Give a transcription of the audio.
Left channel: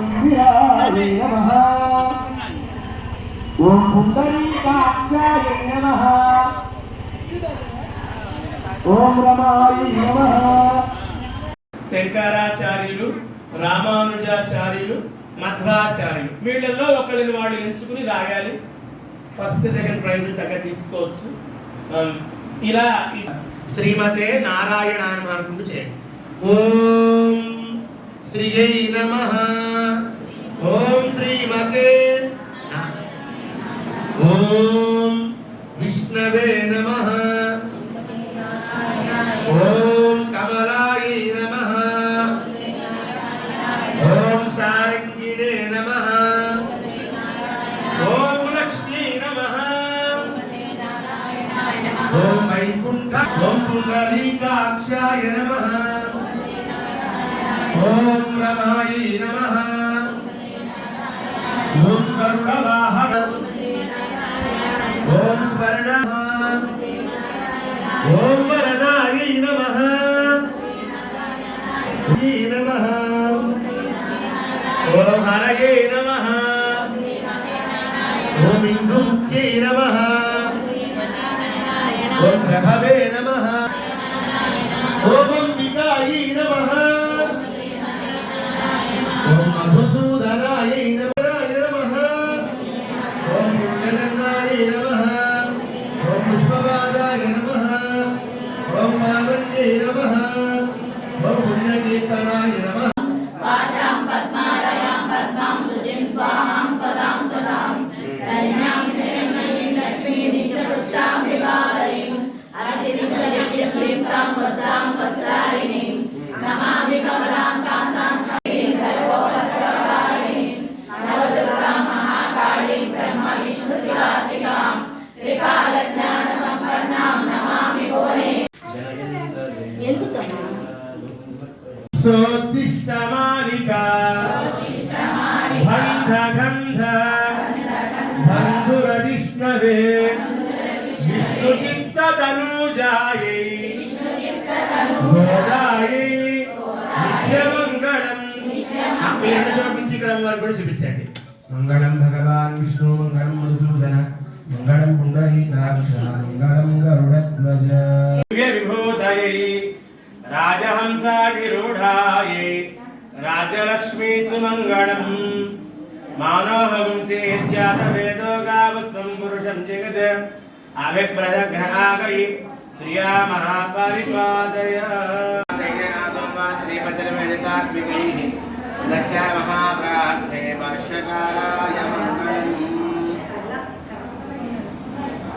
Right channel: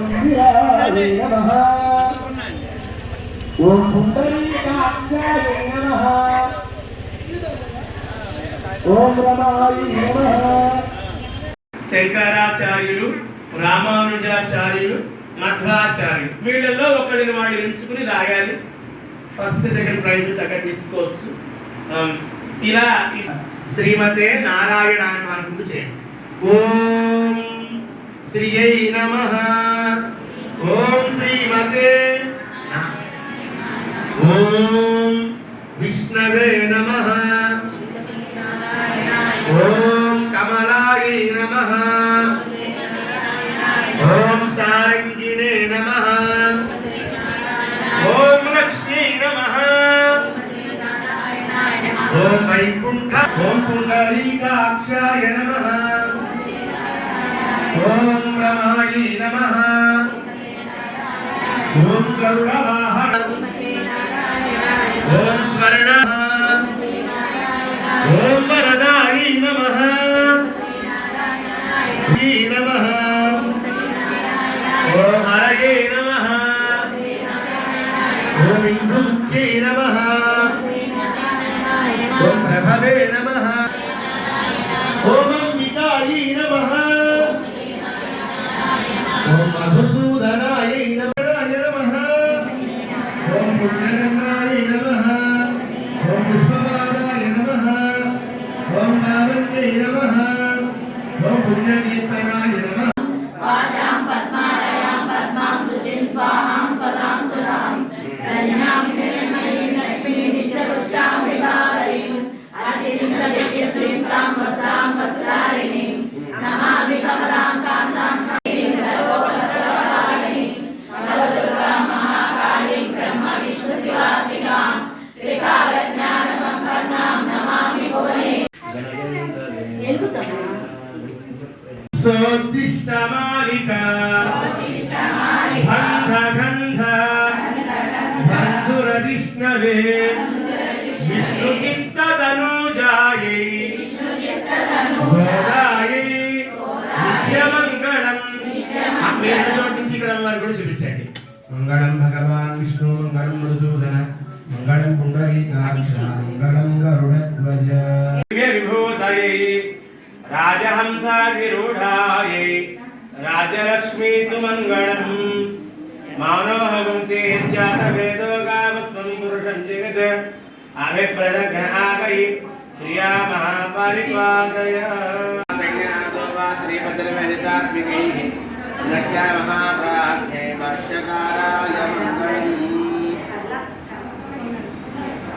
ఇందిరాయ నమః. ఓం పుండరీకాక్షాయ ఓం రమాయ శంకరాచార్యులు రామానుజాచార్యులు మధ్వాచార్యులు వీళ్ళల్లో ఒకరిని వాళ్ళు ఎంచుకుని రాయాలి. ఫస్ట్ సెకండ్ ప్రైజ్ చక్కగా తీసుకోవచ్చు. ఇలా శ్రీమతే నారాయణ అని వరకు చేయండి. ఓం శ్రీయై నమ. ఓం శ్రీమతే ఓం విష్ణవే నమ. ఓం కమలాయ నమ. ఓం సారంగిణే నమ. ఓం లక్ష్మీ నమ. ఓం వైకుంఠ ఓం పుండరీకాక్షాయ నమ. ఓం రమాయ నమ. ఓం గరుడవాహన ఓం స్వర్ణ. ఓం వరదాయ నమ. నమ. ఓం హరయే నమ. ఓం ఇందుముఖ్యై నమ. ఓం ప్రభవే నమ. ఓం పుణ్యకీర్తనాయ సోత్తిష్టమాలిక గంధ గంధ బంధురదిష్ణవే విష్ణు చిత్త తనూజాయై గోదాయై. నిత్యమంగళం. ఆ పేరు చోటు నుంచి ఇక్కడ వరకు కూడా చూపించండి. మంగళం భగవాన్ విష్ణు మంగళం మధుసూదన మంగళం దివ్య విభూతయై. రాజహంసాధిరూఢాయై राजलक्ष्मी सुमङ्गलम्। मानोहगुंसेत्यातवेदोगावस्वं पुरुषं जगत। जगत् अभिप्रजघ्नागयि श्रीया महापरिपादय श्रीमतिर्मेणसात्मिकैः लक्ष्या महाप्राप्त।